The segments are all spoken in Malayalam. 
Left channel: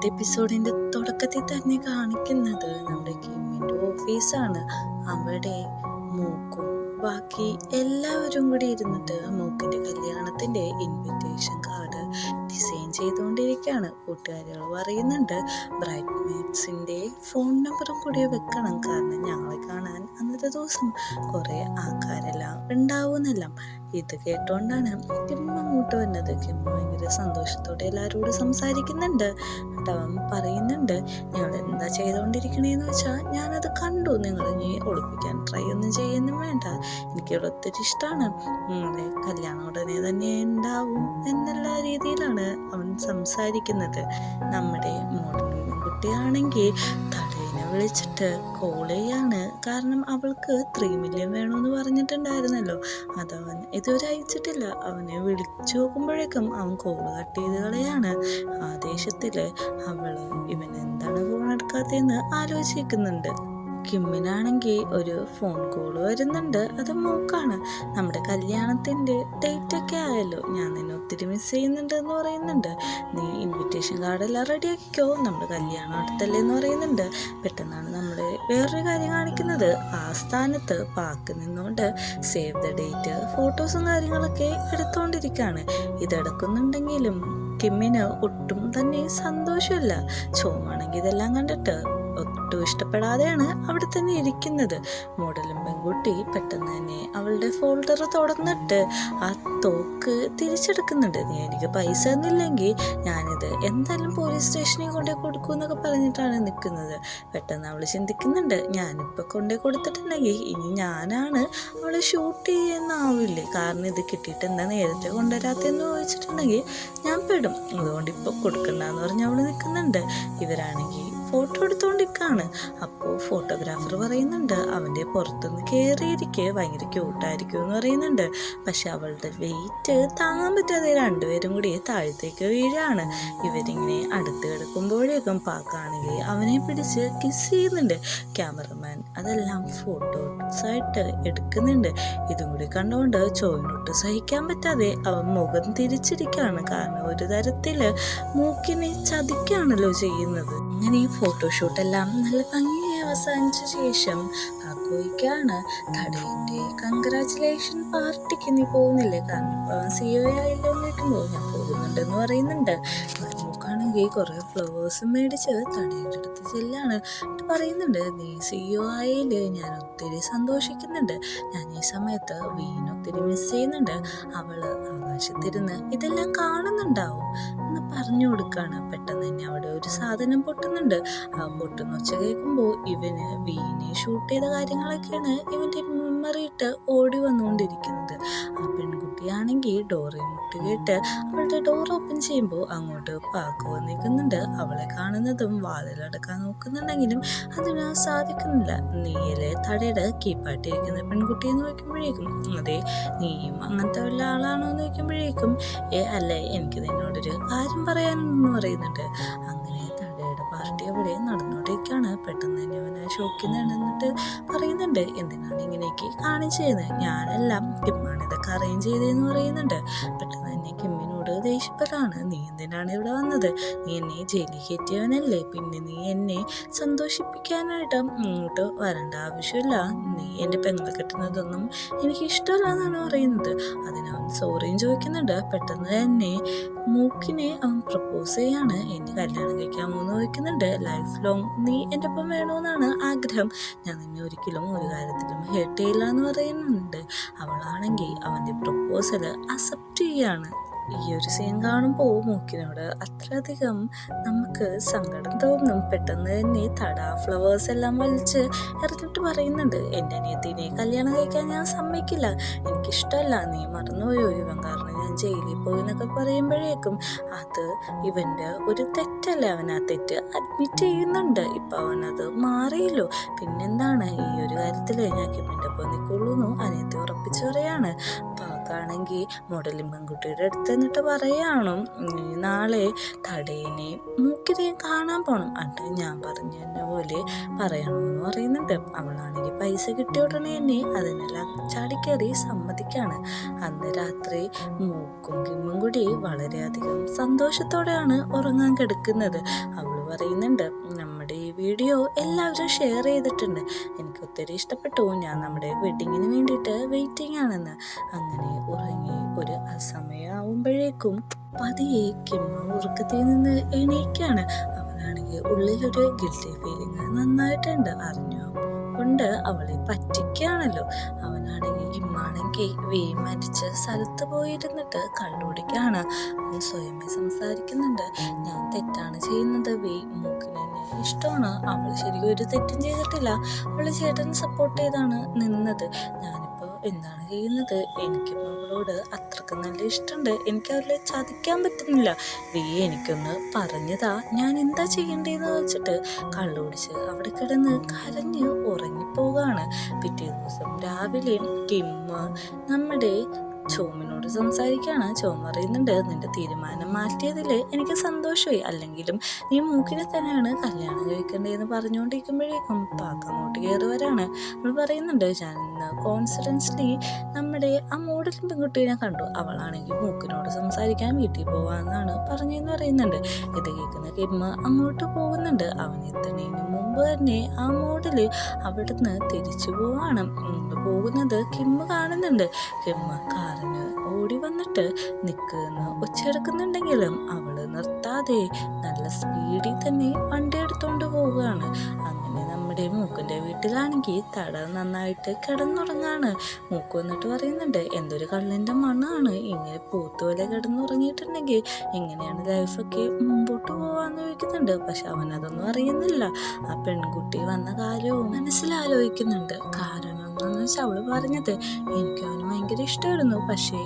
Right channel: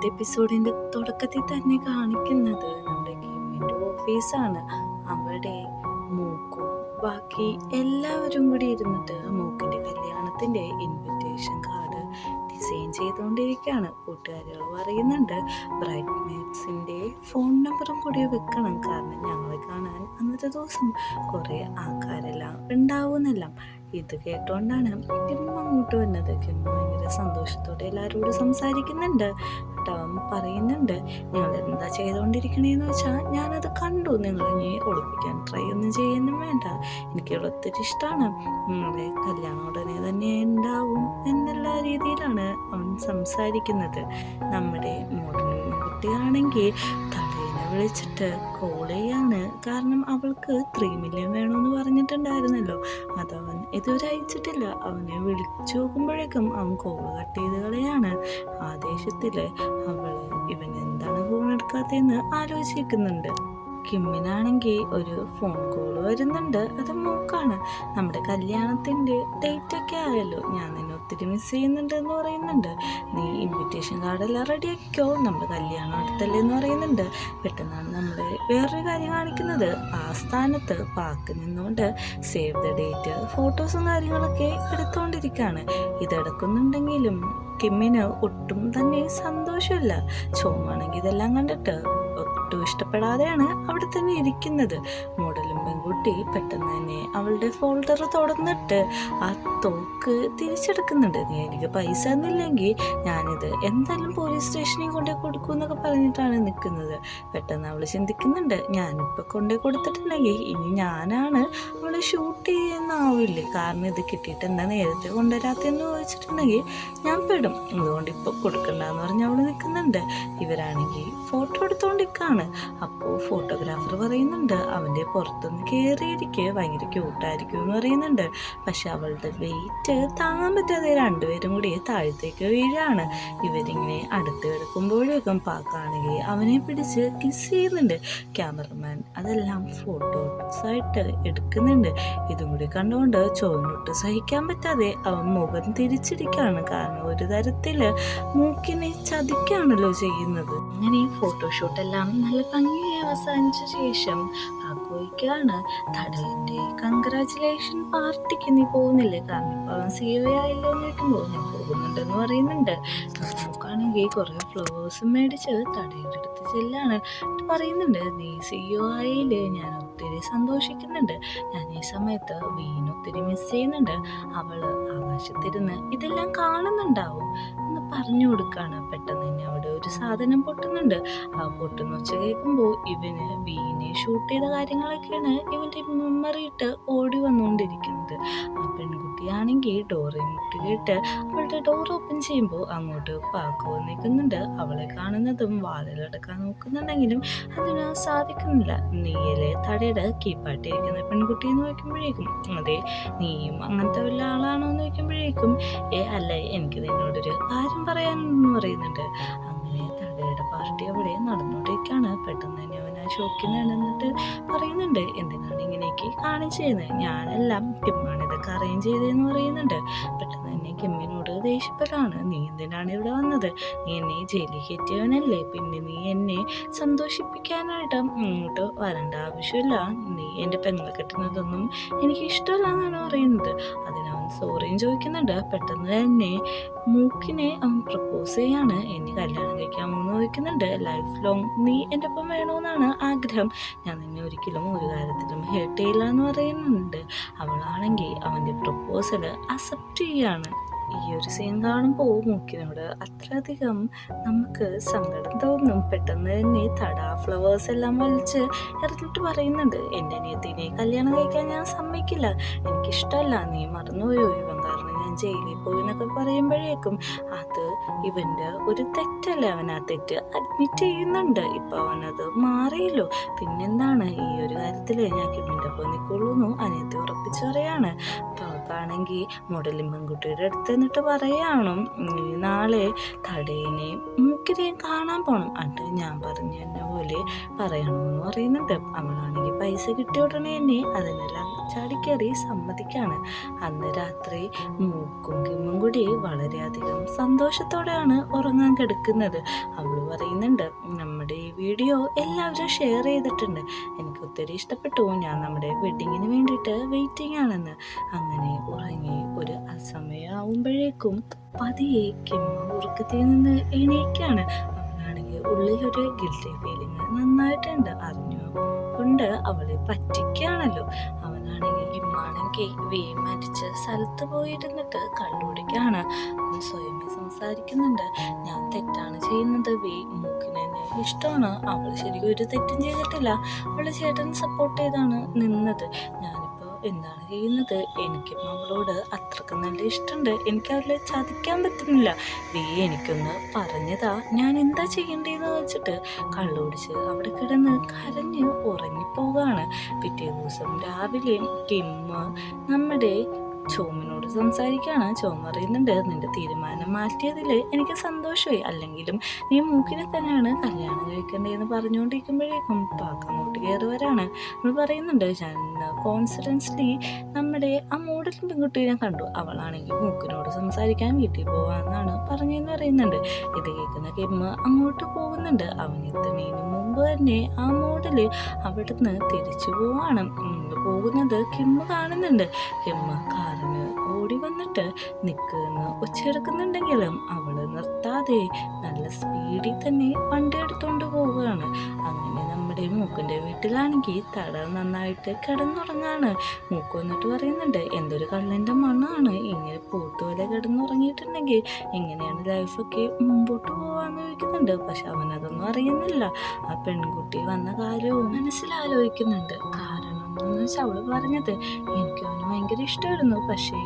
ഇന്നത്തെ എപ്പിസോഡിന്റെ തുടക്കത്തിൽ തന്നെ കാണിക്കുന്നത് നമ്മുടെ കിമ്മിന്റെ ഓഫീസാണ്. അവിടെ മൂക്കും ബാക്കി എല്ലാവരും കൂടി ഇരുന്നിട്ട് മൂക്കിന്റെ കല്യാണത്തിന്റെ ഇൻവിറ്റേഷൻ കാർഡ് ഡിസൈൻ ചെയ്തുകൊണ്ടിരിക്കുകയാണ്. കൂട്ടുകാരികൾ പറയുന്നുണ്ട്, ബ്രൈഡ് മെയ്ഡ്സിന്റെ ഫോൺ നമ്പറും കൂടി വെക്കണം, കാരണം ഞങ്ങളെ കാണാൻ അന്നത്തെ ദിവസം കുറെ ആൾക്കാരെല്ലാം ഉണ്ടാവുന്നെല്ലാം. ഇത് കേട്ടോണ്ടാണ് കിമ്മ അങ്ങോട്ട് വന്നത്. കിമ്മ ഭയങ്കര സന്തോഷത്തോടെ എല്ലാവരോടും സംസാരിക്കുന്നുണ്ട്. അവൻ പറയുന്നുണ്ട്, നിങ്ങൾ എന്താ ചെയ്തുകൊണ്ടിരിക്കണേന്ന് വെച്ചാൽ ഞാനത് കണ്ടു, നിങ്ങൾ ഇനി ഒളിപ്പിക്കാൻ ട്രൈ ഒന്നും ചെയ്യുന്നും വേണ്ട, എനിക്ക് ഒത്തിരി ഇഷ്ടമാണ്, നിങ്ങളുടെ കല്യാണം ഉടനെ തന്നെ ഉണ്ടാവും എന്നുള്ള രീതിയിലാണ് അവൻ സംസാരിക്കുന്നത്. നമ്മുടെ മോഡൽ കുട്ടിയാണെങ്കിൽ തടേനെ വിളിച്ചിട്ട് കോൾ ചെയ്യാണ്. കാരണം അവൾക്ക് 3 മില്യൺ വേണമെന്ന് പറഞ്ഞിട്ടുണ്ടായിരുന്നല്ലോ, അതവൻ ഇതുവരെ അയച്ചിട്ടില്ല. അവനെ വിളിച്ചു നോക്കുമ്പോഴേക്കും അവൻ കോൾ കട്ട് ചെയ്ത് കളയാണ്. ആദേശത്തില് അവള് ഇവൻ എന്താണ് ഫോൺ എടുക്കാത്തതെന്ന് ആലോചിക്കുന്നുണ്ട്. കിമ്മിനാണെങ്കിൽ ഒരു ഫോൺ കോൾ വരുന്നുണ്ട്. അത് മൂക്കാണ്. നമ്മുടെ കല്യാണത്തിൻ്റെ ഡേറ്റ് ഒക്കെ ആയല്ലോ, ഞാൻ നിന്നെ ഒത്തിരി മിസ് ചെയ്യുന്നുണ്ട് എന്ന് പറയുന്നുണ്ട്. നീ ഇൻവിറ്റേഷൻ കാർഡെല്ലാം റെഡി ആക്കിക്കോ, നമ്മുടെ കല്യാണം അടുത്തല്ലേ എന്ന് പറയുന്നുണ്ട്. പെട്ടെന്നാണ് നമ്മൾ വേറൊരു കാര്യം കാണിക്കുന്നത്. ആ സ്ഥാനത്ത് പാക്ക് നിന്നുകൊണ്ട് സേവ് ദ ഡേറ്റ് ഫോട്ടോസും കാര്യങ്ങളൊക്കെ എടുത്തുകൊണ്ടിരിക്കുകയാണ്. ഇതെടുക്കുന്നുണ്ടെങ്കിലും കിമ്മിന് ഒട്ടും തന്നെ സന്തോഷമില്ല. ചോമാണെങ്കിൽ ഇതെല്ലാം കണ്ടിട്ട് ഒട്ടും ഇഷ്ടപ്പെടാതെയാണ് അവിടെ തന്നെ ഇരിക്കുന്നത്. മോഡലും പെൺകുട്ടി പെട്ടെന്ന് തന്നെ അവളുടെ ഫോൾഡർ തുറന്നിട്ട് ആ തോക്ക് തിരിച്ചെടുക്കുന്നുണ്ട്. നീ എനിക്ക് പൈസ തന്നില്ലെങ്കിൽ ഞാനിത് എന്തായാലും പോലീസ് സ്റ്റേഷനിൽ കൊണ്ടേ കൊടുക്കും എന്നൊക്കെ പറഞ്ഞിട്ടാണ് നിൽക്കുന്നത്. പെട്ടെന്ന് അവൾ ചിന്തിക്കുന്നുണ്ട്, ഞാനിപ്പോൾ കൊണ്ടേ കൊടുത്തിട്ടുണ്ടെങ്കിൽ ഇനി ഞാനാണ് അവളെ ഷൂട്ട് ചെയ്യുന്നാവില്ലേ, കാരണം ഇത് കിട്ടിയിട്ട് എന്താ നേരത്തെ കൊണ്ടുവരാത്തെന്ന് ചോദിച്ചിട്ടുണ്ടെങ്കിൽ ഞാൻ പെടും, അതുകൊണ്ട് ഇപ്പോൾ കൊടുക്കണ്ടെന്ന് പറഞ്ഞ് അവൾ നിൽക്കുന്നുണ്ട്. ഇവരാണെങ്കിൽ ഫോട്ടോ എടുത്തോണ്ടിരിക്കാണ്. അപ്പോൾ ഫോട്ടോഗ്രാഫർ പറയുന്നുണ്ട്, അവൻ്റെ പുറത്തുനിന്ന് കയറിയിരിക്കെ ഭയങ്കര ക്യൂട്ടായിരിക്കും എന്ന് പറയുന്നുണ്ട്. പക്ഷെ അവളുടെ വെയിറ്റ് താങ്ങാൻ പറ്റാതെ രണ്ടുപേരും കൂടി താഴത്തേക്ക് വീഴാണ്. ഇവരിങ്ങനെ അടുത്ത് കിടക്കുമ്പോഴേക്കും പാക്കാണെങ്കിൽ അവനെ പിടിച്ച് കിസ് ചെയ്യുന്നുണ്ട്. ക്യാമറമാൻ അതെല്ലാം ഫോട്ടോസായിട്ട് എടുക്കുന്നുണ്ട്. ഇതും കൂടി കണ്ടുകൊണ്ട് ചോദിനൊട്ട് സഹിക്കാൻ പറ്റാതെ അവൻ മുഖം തിരിച്ചിരിക്കുകയാണ്. കാരണം ഒരു തരത്തില് മൂക്കിനെ ചതിക്കാണല്ലോ ചെയ്യുന്നത്. അങ്ങനെ ഈ ഫോട്ടോഷൂട്ടെല്ലാം നല്ല ഭംഗിയായി അവസാനിച്ച ശേഷം ആഘോഷിക്കുകയാണ്. തടയൻ്റെ കൺഗ്രാറ്റുലേഷൻ പാർട്ടിക്ക് നീ പോകുന്നില്ലേ, കാരണം ഇപ്പോൾ അവൻ CEO ആയില്ലോ എന്ന് കേൾക്കുമ്പോൾ ഞാൻ പോകുന്നുണ്ടെന്ന് പറയുന്നുണ്ട്. നോക്കുകയാണെങ്കിൽ കുറേ ഫ്ലവേഴ്സും മേടിച്ച് തടയുടെ അടുത്ത് ചെല്ലാണ്. പറയുന്നുണ്ട്, നീ CEO ആയില്ലേ, ഞാൻ ഒത്തിരി സന്തോഷിക്കുന്നുണ്ട്, ഞാൻ ഈ സമയത്ത് വീണ് ഒത്തിരി മിസ് ചെയ്യുന്നുണ്ട്, അവള് ആകാശത്തിരുന്ന് ഇതെല്ലാം കാണുന്നുണ്ടാവും എന്ന് പറഞ്ഞു കൊടുക്കുകയാണ്. പെട്ടെന്ന് തന്നെ അവിടെ ഒരു സാധനം പൊട്ടുന്നുണ്ട്. ആ പൊട്ടുന്ന ഒച്ച കേൾക്കുമ്പോൾ ഇവന് വീണെ ഷൂട്ട് ചെയ്ത കാര്യങ്ങളൊക്കെയാണ് ഇവൻ്റെ മെമ്മറി ഇട്ട് ഓടി വന്നുകൊണ്ടിരിക്കുന്നത്. ആ പെൺകുട്ടിയാണെങ്കിൽ ഡോറെ മുട്ടി കേട്ട് അവളുടെ ഡോർ ഓപ്പൺ ചെയ്യുമ്പോൾ അങ്ങോട്ട് പാക്ക് വന്നിരിക്കുന്നുണ്ട്. അവളെ കാണുന്നതും വാതിലടക്കാൻ നോക്കുന്നുണ്ടെങ്കിലും അതിന് സാധിക്കുന്നില്ല. നീയല്ലേ തടയുടെ കീപ്പായിട്ടിരിക്കുന്ന പെൺകുട്ടിയെ നോക്കുമ്പോഴേക്കും, അതെ നീയും അങ്ങനത്തെ വല്ല ആളാണോ എന്ന് ചോദിക്കുമ്പോഴേക്കും, അല്ല എനിക്ക് നിന്നോടൊരു കാര്യം പറയാനെന്ന് പറയുന്നുണ്ട്. അങ്ങനെ തടയുടെ പാർട്ടി അവിടെ നടന്നുകൊണ്ടിരിക്കുകയാണ്. പെട്ടെന്ന് തന്നെ അവൻ ആ ഷോക്കിൽ നിന്നിട്ട് പറയുന്നുണ്ട്, എന്തിനാണ് ഇങ്ങനെയൊക്കെ കാണിച്ചു ചെയ്യുന്നത്, ഞാനെല്ലാം കിമ്മാണ് ഇതൊക്കെ അറേഞ്ച് ചെയ്തതെന്ന് പറയുന്നുണ്ട്. പെട്ടെന്ന് തന്നെ കിമ്മിനോട് ദേഷ്യപ്പെടാണ്, നീ എന്തിനാണ് ഇവിടെ വന്നത്, നീ എന്നെ ജയിലിൽ കയറ്റിയവനല്ലേ, പിന്നെ നീ എന്നെ സന്തോഷിപ്പിക്കാനായിട്ട് ഇങ്ങോട്ട് വരേണ്ട ആവശ്യമില്ല, നീ എൻ്റെ പെങ്ങളെ കെട്ടുന്നതൊന്നും എനിക്ക് ഇഷ്ടമല്ല എന്നാണ് പറയുന്നത്. അതിനവൻ സോറിയും ചോദിക്കുന്നുണ്ട്. പെട്ടെന്ന് തന്നെ മൂക്കിനെ അവൻ പ്രപ്പോസ് ചെയ്യാണ്, എന്നെ കല്യാണം കഴിക്കാമോ എന്ന് ചോദിക്കുന്നുണ്ട്. ലൈഫ് ലോങ് നീ എൻ്റെ ഒപ്പം വേണമെന്നാണ് ആഗ്രഹം, ഞാൻ നിന്നെ ഒരിക്കലും ഒരു കാര്യത്തിലും ഹേർട്ട് ചെയ്യില്ല എന്ന് പറയുന്നുണ്ട്. അവളാണെങ്കിൽ അവൻ്റെ പ്രപ്പോസൽ അക്സെപ്റ്റ് ചെയ്യാണ്. ഈ ഒരു സീൻ കാണുമ്പോൾ മൂക്കിനോട് അത്രയധികം നമുക്ക് സങ്കടം തോന്നും. പെട്ടെന്ന് തന്നെ ഫ്ലവേഴ്സ് എല്ലാം വലിച്ച് എറിഞ്ഞിട്ട് പറയുന്നുണ്ട്, എൻ്റെ അനിയത്തിനെ കല്യാണം കഴിക്കാൻ ഞാൻ സമ്മതിക്കില്ല, എനിക്കിഷ്ടമല്ല, നീ മറന്നുപോയോ ഇവൻ കാരണം ഞാൻ ജയിലിൽ പോയി എന്നൊക്കെ പറയുമ്പോഴേക്കും അത് ഇവൻ്റെ ഒരു തെറ്റല്ലേ, അവൻ ആ തെറ്റ് അഡ്മിറ്റ് ചെയ്യുന്നുണ്ട്. ഇപ്പം അവനത് മാറിയല്ലോ, പിന്നെന്താണ് ഈ ഒരു കാര്യത്തിൽ ഞാൻ കിമ്മിൻ്റെ ഒപ്പം നിൽക്കുള്ളൂ എന്ന് അനിയത്തി ഉറപ്പിച്ച് പറയാണ്. ആണെങ്കിൽ മോഡലിംഗ് പെൺകുട്ടിയുടെ അടുത്ത് എന്നിട്ട് പറയാണ്, നാളെ തടേനെ മൂക്കി മൂക്കിനെയും കാണാൻ പോകണം. അത് ഞാൻ പറഞ്ഞ പോലെ പറയണമെന്ന് പറയുന്നുണ്ട്. അവളാണെങ്കിൽ പൈസ കിട്ടിയ ഉടനെ തന്നെ അതിനെല്ലാം ചാടിക്കയറി സമ്മതിക്കാണ്. അന്ന് രാത്രി മൂക്കും കിമ്മും കൂടി വളരെയധികം സന്തോഷത്തോടെയാണ് ഉറങ്ങാൻ കിടക്കുന്നത്. അവൾ പറയുന്നുണ്ട്, നമ്മുടെ ഈ വീഡിയോ എല്ലാവരും ഷെയർ ചെയ്തിട്ടുണ്ട്, എനിക്ക് ഒത്തിരി ഇഷ്ടപ്പെട്ടു, ഞാൻ നമ്മുടെ വെഡിങ്ങിന് വേണ്ടിയിട്ട് വെയിറ്റിംഗ് ആണെന്ന്. അങ്ങനെ ഉറങ്ങി ഒരു അസമയമാവുമ്പോഴേക്കും പതിയെ കിമ്മ ഉറക്കത്തിൽ നിന്ന് എണീക്കാണ്. അവനാണെങ്കിൽ ഉള്ളിലൊരു ഗിൽറ്റി ഫീലിംഗ് നന്നായിട്ടുണ്ട്. അറിഞ്ഞു കൊണ്ട് അവളെ പറ്റിക്കുകയാണല്ലോ. അവനാണെങ്കിൽ കിമ്മാണെങ്കിൽ മരിച്ച സ്ഥലത്ത് പോയിരുന്നിട്ട് കള്ളുടിക്കാണ്. അവൻ സ്വയമേ സംസാരിക്കുന്നുണ്ട്, ഞാൻ തെറ്റാണ് ചെയ്യുന്നത്, മൂക്കിന് എന്നെ ഇഷ്ടമാണ്, അവള് ശരിക്കും ഒരു തെറ്റും ചെയ്തിട്ടില്ല, അവള് ചേട്ടനെ സപ്പോർട്ട് ചെയ്താണ് നിന്നത്, ഞാനിപ്പോൾ എന്താണ് ചെയ്യുന്നത്, എനിക്കും അവളോട് അത്രക്ക് നല്ല ഇഷ്ടമുണ്ട്, എനിക്ക് അവളെ ചതിക്കാൻ പറ്റുന്നില്ല, എനിക്കൊന്ന് പറഞ്ഞതാ, ഞാൻ എന്താ ചെയ്യേണ്ടതെന്ന് വെച്ചിട്ട് കള്ളുടിച്ച് അവിടെ കിടന്ന് കരഞ്ഞ് ഉറങ്ങിപ്പോകാണ്. പിറ്റേ ദിവസം രാവിലെ കിമ്മ നമ്മുടെ ചോമിനോട് സംസാരിക്കുകയാണ്. ചോം പറയുന്നുണ്ട്, നിന്റെ തീരുമാനം മാറ്റിയതിൽ എനിക്ക് സന്തോഷമായി, അല്ലെങ്കിലും നീ മൂക്കിനെ തന്നെയാണ് കല്യാണം കഴിക്കേണ്ടതെന്ന് പറഞ്ഞുകൊണ്ടിരിക്കുമ്പോഴേക്കും പാക്ക അങ്ങോട്ട് കയറി വരാണ്. നമ്മൾ പറയുന്നുണ്ട്, ഞാൻ ഇന്ന് കോൺഫിഡൻസ്ലി നമ്മുടെ ആ മോഡൽ പെൺകുട്ടീനെ കണ്ടു, അവളാണെങ്കിൽ മൂക്കിനോട് സംസാരിക്കാൻ വീട്ടിൽ പോവാന്നാണ് പറഞ്ഞെന്ന് പറയുന്നുണ്ട്. ഇത് കേൾക്കുന്ന കിമ്മ അങ്ങോട്ട് പോകുന്നുണ്ട്. അവൻ എത്തുന്നതിന് മുമ്പ് തന്നെ ആ മോഡല് അവിടുന്ന് തിരിച്ചു പോവാണ്. പോകുന്നത് കിമ്മ കാണുന്നുണ്ട്. കിമ്മ കാറിന് ഓടി വന്നിട്ട് നിൽക്കുന്ന ഒച്ചയെടുക്കുന്നുണ്ടെങ്കിലും അവള് നിർത്താതെ നല്ല സ്പീഡിൽ തന്നെ വണ്ടി എടുത്തുകൊണ്ട് പോവുകയാണ്. അങ്ങനെ നമ്മുടെ മൂക്കിൻ്റെ വീട്ടിലാണെങ്കിൽ തട നന്നായിട്ട് കിടന്നുറങ്ങാണ്. മൂക്ക് വന്നിട്ട് പറയുന്നുണ്ട്, എന്തൊരു കള്ളിൻ്റെ മണ്ണാണ്, ഇങ്ങനെ പൂത്തുപോലെ കിടന്നുറങ്ങിയിട്ടുണ്ടെങ്കിൽ എങ്ങനെയാണ് ലൈഫൊക്കെ മുമ്പോട്ട് പോകാമെന്ന് ചോദിക്കുന്നുണ്ട്. പക്ഷെ അവനതൊന്നും അറിയുന്നില്ല. ആ പെൺകുട്ടി വന്ന കാര്യവും മനസ്സിലാലോചിക്കുന്നുണ്ട്. കാരണം എന്താണെന്ന് വെച്ചാൽ അവള് പറഞ്ഞത്, എനിക്ക് അവന് ഭയങ്കര ഇഷ്ടമായിരുന്നു, പക്ഷേ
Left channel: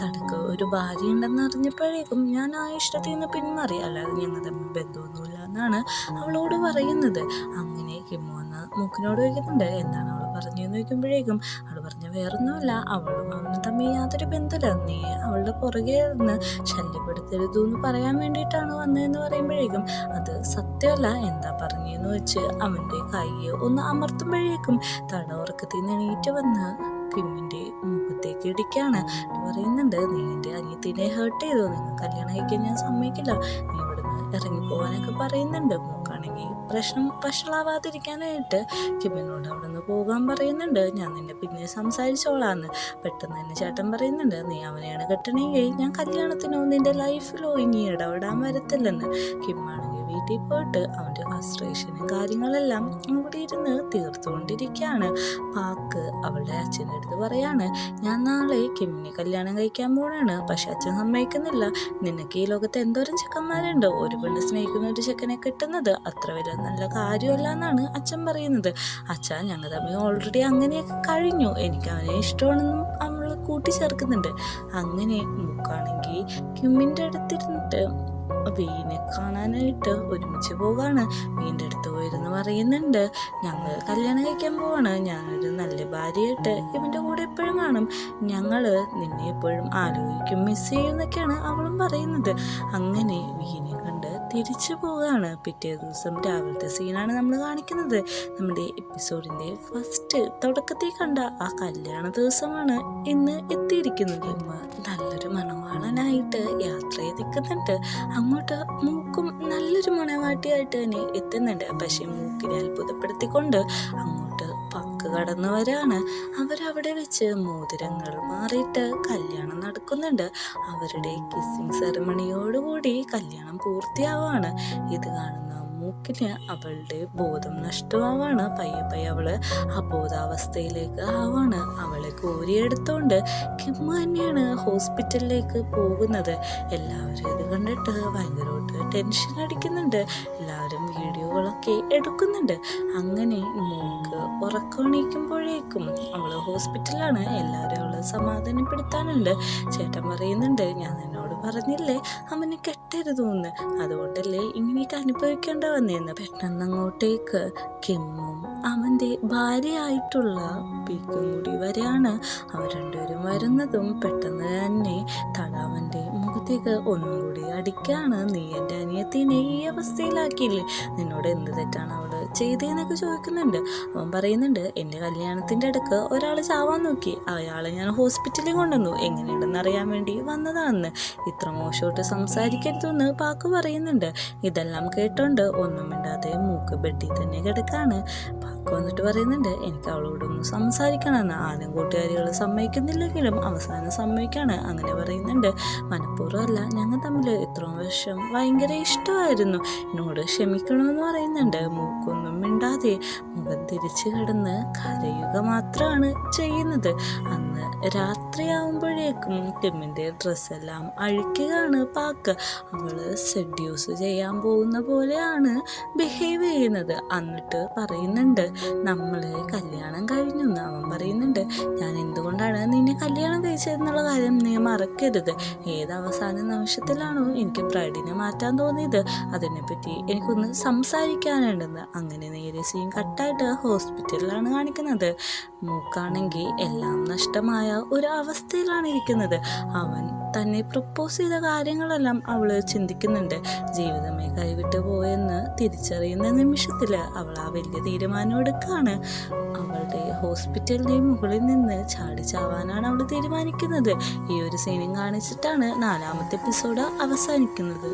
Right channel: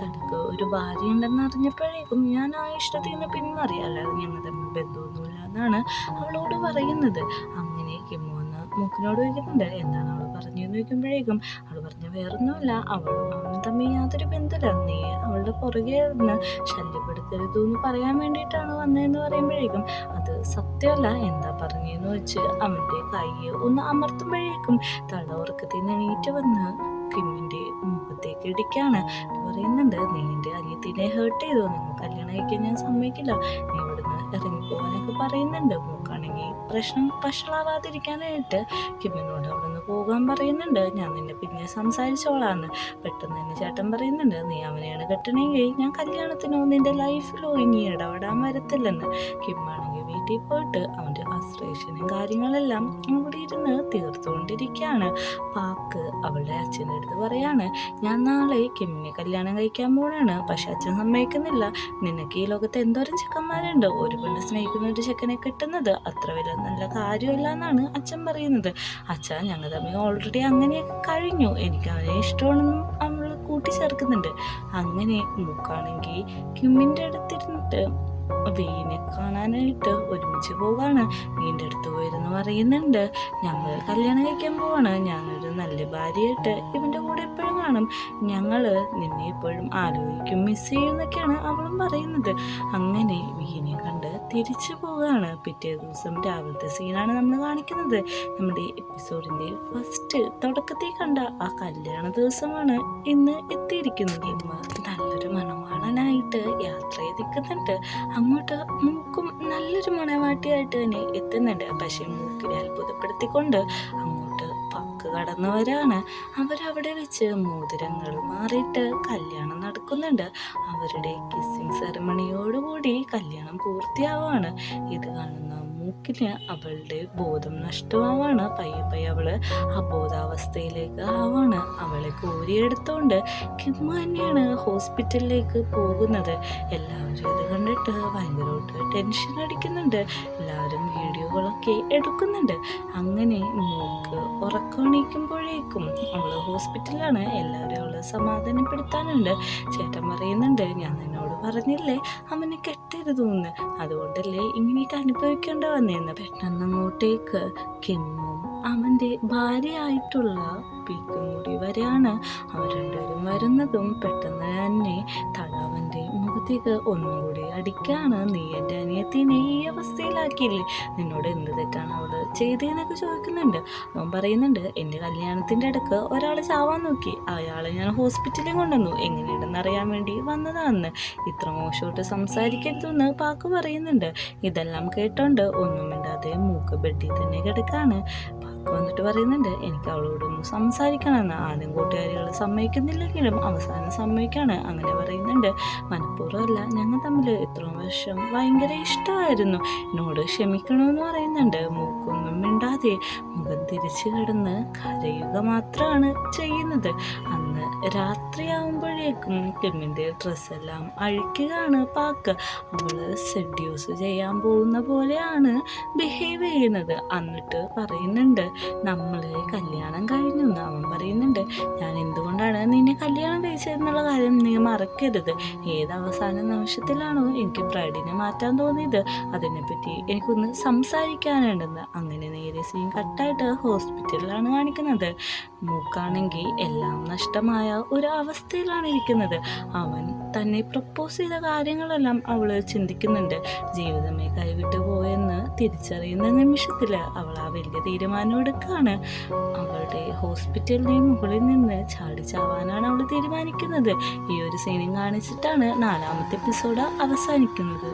തടക്ക് ഒരു ഭാര്യ ഉണ്ടെന്ന് അറിഞ്ഞപ്പോഴേക്കും ഞാൻ ആ ഇഷ്ടത്തിൽ നിന്ന് പിന്മാറി, അല്ലാതെ ഞങ്ങൾ തമ്മിൽ ബന്ധമൊന്നുമില്ല എന്നാണ് അവളോട് പറയുന്നത്. അങ്ങനെ കിമ്മു വന്ന് മൂക്കിനോട് ചോദിക്കുന്നുണ്ട്, എന്താണ് അവൾ പറഞ്ഞതെന്ന് ചോദിക്കുമ്പോഴേക്കും അവൾ പറഞ്ഞ വേറൊന്നുമല്ല, അവളും അവനും തമ്മിൽ യാതൊരു ബന്ധമില്ല, നീ അവളുടെ പുറകെ നിന്ന് ശല്യപ്പെടുത്തരുതു എന്ന് പറയാൻ വേണ്ടിയിട്ടാണ് വന്നതെന്ന് പറയുമ്പോഴേക്കും അത് സത്യമല്ല, എന്താ പറഞ്ഞതെന്ന് വെച്ച് അവൻ്റെ കൈ ഒന്ന് അമർത്തുമ്പോഴേക്കും തട ഉറക്കത്തിൽ നിന്ന് എണീറ്റ് വന്ന് കിമ്മിൻ്റെ മുഖത്തേക്ക് ഇടിക്കാണ്. പറയുന്നുണ്ട്, നീ എൻ്റെ അനിയത്തിനെ ഹേർട്ട് ചെയ്തോ, നിങ്ങൾ കല്യാണം കഴിക്കാൻ ഞാൻ സമ്മതിക്കില്ല, നീ ഇവിടുന്ന് ഇറങ്ങിപ്പോവാനൊക്കെ പറയുന്നുണ്ട്. മൂക്കാണെങ്കിൽ പ്രശ്നം വഷളാവാതിരിക്കാനായിട്ട് കിമ്മിനോട് അവിടെ നിന്ന് പോകാൻ പറയുന്നുണ്ട്. ഞാൻ നിന്നെ പിന്നെ സംസാരിച്ചോളാന്ന്. പെട്ടെന്ന് തന്നെ ചേട്ടൻ പറയുന്നുണ്ട്, നീ അവനെയാണ് കെട്ടണമെങ്കിൽ ഞാൻ കല്യാണത്തിനോ നിന്റെ ലൈഫിലോ ഇനി ഇടപെടാൻ വരത്തില്ലെന്ന്. കിമ്മാണെങ്കിൽ വീട്ടിൽ പോയിട്ട് അവൻ്റെ ഫ്രസ്ട്രേഷനും കാര്യങ്ങളെല്ലാം ഇവിടെ ഇരുന്ന് തീർത്തുകൊണ്ടിരിക്കുകയാണ്. പാക്ക് അവളുടെ അച്ഛൻ്റെ അടുത്ത് പറയാണ്, ഞാൻ നാളെ കിമ്മിനെ കല്യാണം കഴിക്കാൻ പോവാണ്, പക്ഷെ അച്ഛൻ സമ്മതിക്കുന്നില്ല, നിനക്ക് ഈ ലോകത്ത് എന്തോരം ചെക്കന്മാരുണ്ട്, ഒരു പെണ്ണ് സ്നേഹിക്കുന്ന ഒരു ചെക്കനെ കിട്ടുന്നത് അത്ര വലിയ നല്ല കാര്യമല്ല എന്നാണ് അച്ഛൻ പറയുന്നത്. അച്ഛാ, ഞങ്ങൾ തമ്മിൽ ഓൾറെഡി അങ്ങനെയൊക്കെ കഴിഞ്ഞു, എനിക്ക് അവനെ ഇഷ്ടമാണെന്നും അവൾ കൂട്ടിച്ചേർക്കുന്നുണ്ട്. അങ്ങനെ മൂക്കാണെങ്കിൽ കിമ്മിൻ്റെ അടുത്തിരുന്നിട്ട് വീനെ കാണാനായിട്ട് ഒരുമിച്ച് പോകാണ്. വീൻ്റെ അടുത്ത് പോയിരുന്ന് പറയുന്നുണ്ട്, ഞങ്ങൾ കല്യാണം കഴിക്കാൻ പോവാണ്, ഞാനൊരു നല്ല ഭാര്യയായിട്ട് ഇവൻ്റെ കൂടെ എപ്പോഴും കാണും, ഞങ്ങൾ നിന്നെ എപ്പോഴും ആലോചിക്കും, മിസ് ചെയ്യും എന്നൊക്കെയാണ് അവളും പറയുന്നത്. അങ്ങനെ വീനെ കണ്ട് തിരിച്ചു പോവുകയാണ്. പിറ്റേ ദിവസം രാവിലത്തെ സീനാണ് നമ്മൾ കാണിക്കുന്നത്. നമ്മുടെ എപ്പിസോഡിൻ്റെ ഫസ്റ്റ് തുടക്കത്തിൽ കണ്ട ആ കല്യാണ ദിവസമാണ് ഇന്ന് എത്തിയിരിക്കുന്നത്. ഇമ്മ നല്ലൊരു മണവാളനായിട്ട് യാത്ര ചെയ്തിരിക്കുന്നുണ്ട്. അങ്ങോട്ട് മൂക്കും നല്ലൊരു മണവാട്ടിയായിട്ട് തന്നെ എത്തുന്നുണ്ട്. പക്ഷെ മൂക്കിനെ അത്ഭുതപ്പെടുത്തിക്കൊണ്ട് അങ്ങോട്ട് പക്ക് കടന്നവരാണ്. അവരവിടെ വെച്ച് മോതിരങ്ങൾ മാറിയിട്ട് കല്യാണം നടക്കുന്നുണ്ട്. അവരുടെ കിസ്സിങ് സെറമണിയോടുകൂടി കല്യാണം പൂർത്തിയാവാണ്. ഇത് കാണുന്ന മൂക്കിന് അവളുടെ ബോധം നഷ്ടമാവാണ്. പയ്യെ അവള് അബോധാവസ്ഥയിലേക്ക് ആവാണ്. അവളെ കോരിയെടുത്തുകൊണ്ട് കിമ്മ തന്നെയാണ് ഹോസ്പിറ്റലിലേക്ക് പോകുന്നത്. എല്ലാവരും ഇത് കണ്ടിട്ട് ഭയങ്കരമായിട്ട് ടെൻഷൻ അടിക്കുന്നുണ്ട്. എല്ലാവരും വീഡിയോകളൊക്കെ എടുക്കുന്നുണ്ട്. അങ്ങനെ മൂക്ക് ഉറക്കണിക്കുമ്പോഴേക്കും അവള് ഹോസ്പിറ്റലിലാണ്. എല്ലാവരും അവളെ സമാധാനപ്പെടുത്താനുണ്ട്. ചേട്ടൻ പറയുന്നുണ്ട്, ഞാൻ എന്നോട് പറഞ്ഞില്ലേ അവനെ കെട്ടരുതെന്ന്, അതുകൊണ്ടല്ലേ ഇങ്ങനെയൊക്കെ അനുഭവിക്കേണ്ട വന്നേന്ന്. പെട്ടെന്ന് അങ്ങോട്ടേക്ക് കിമ്മും അവൻ്റെ ഭാര്യയായിട്ടുള്ള പീക്കും കൂടി വരെയാണ്. അവർ രണ്ടുപേരും വരുന്നതും പെട്ടെന്ന് തന്നെ തട അവൻ്റെ മുഖത്തേക്ക് ഒന്നും കൂടി അടിക്കാണ്. നീ എൻ്റെ അനിയത്തിനെ ഈ അവസ്ഥയിൽ മനസ്സിലാക്കിയില്ലേ, നിന്നോട് എന്ത് തെറ്റാണ് അവൾ ചെയ്തതെന്നൊക്കെ ചോദിക്കുന്നുണ്ട്. അവൻ പറയുന്നുണ്ട്, എൻ്റെ കല്യാണത്തിൻ്റെ ഇടയ്ക്ക് ഒരാൾ ചാവാൻ നോക്കി, അയാളെ ഞാൻ ഹോസ്പിറ്റലിൽ കൊണ്ടുവന്നു, എങ്ങനെയുണ്ടെന്ന് അറിയാൻ വേണ്ടി വന്നതാണെന്ന്. ഇത്ര മോശമായിട്ട് സംസാരിക്കരുതെന്ന് പാക്ക് പറയുന്നുണ്ട്. ഇതെല്ലാം കേട്ടോണ്ട് ഒന്നും മിണ്ടാതെ മൂക്ക് ബെഡിൽ തന്നെ കിടക്കാണ്. പാക്ക് വന്നിട്ട് പറയുന്നുണ്ട്, എനിക്ക് അവളോടൊന്ന് സംസാരിക്കണമെന്ന്. ആരും കൂട്ടുകാരികൾ സമ്മതിക്കുന്നില്ലെങ്കിലും അവസാനം സമ്മതിക്കാണ്. അങ്ങനെ പറയുന്നുണ്ട്, മനഃപൂർവ്വമല്ല, ഞങ്ങൾ തമ്മിൽ ഇത്രയും വർഷം ഭയങ്കര ഇഷ്ടമായിരുന്നു, എന്നോട് ക്ഷമിക്കണമെന്ന് പറയുന്നുണ്ട്. മൂക്കൊന്നും മിണ്ടാതെ മുഖം തിരിച്ചു കിടന്ന് കരയുക മാത്രമാണ് ചെയ്യുന്നത്. അന്ന് രാത്രിയാകുമ്പോഴേക്കും കിമ്മിൻ്റെ ഡ്രസ്സെല്ലാം അഴിക്കുകയാണ് പാക്ക്. അവള് സെഡ്യൂസ് ചെയ്യാൻ പോകുന്ന പോലെയാണ് ബിഹേവ് ചെയ്യുന്നത്. എന്നിട്ട് പറയുന്നുണ്ട്, നമ്മൾ കല്യാണം കഴിഞ്ഞു എന്ന്. അവൻ പറയുന്നുണ്ട്, ഞാൻ എന്തുകൊണ്ടാണ് നിന്നെ കല്യാണം കഴിച്ചതെന്നുള്ള കാര്യം നീ മറക്കരുത്. ഏത് അവസാന നിമിഷത്തിലാണോ എനിക്ക് ബ്രൈഡിനെ മാറ്റാൻ തോന്നിയത്, അതിനെപ്പറ്റി എനിക്കൊന്ന് സംസാരിക്കാനുണ്ടെന്ന്. അങ്ങനെ നേരെ സീൻ കട്ടായിട്ട് ഹോസ്പിറ്റലിലാണ് കാണിക്കുന്നത്. മൂക്കാണെങ്കിൽ എല്ലാം നഷ്ടമായ ഒരു അവസ്ഥയിലാണ് ഇരിക്കുന്നത്. അവൻ തന്നെ പ്രപ്പോസ് ചെയ്ത കാര്യങ്ങളെല്ലാം അവൾ ചിന്തിക്കുന്നുണ്ട്. ജീവിതമേ കൈവിട്ടു പോയെന്ന് തിരിച്ചറിയുന്ന നിമിഷത്തിൽ അവൾ ആ വലിയ തീരുമാനം എടുക്കുകയാണ്. അവളുടെ ഹോസ്പിറ്റലിൻ്റെ മുകളിൽ നിന്ന് ചാടി ചാവാനാണ് അവൾ തീരുമാനിക്കുന്നത്. ഈ ഒരു സീനും കാണിച്ചിട്ടാണ് 4ാമത്തെ എപ്പിസോഡ് അവസാനിക്കുന്നത്.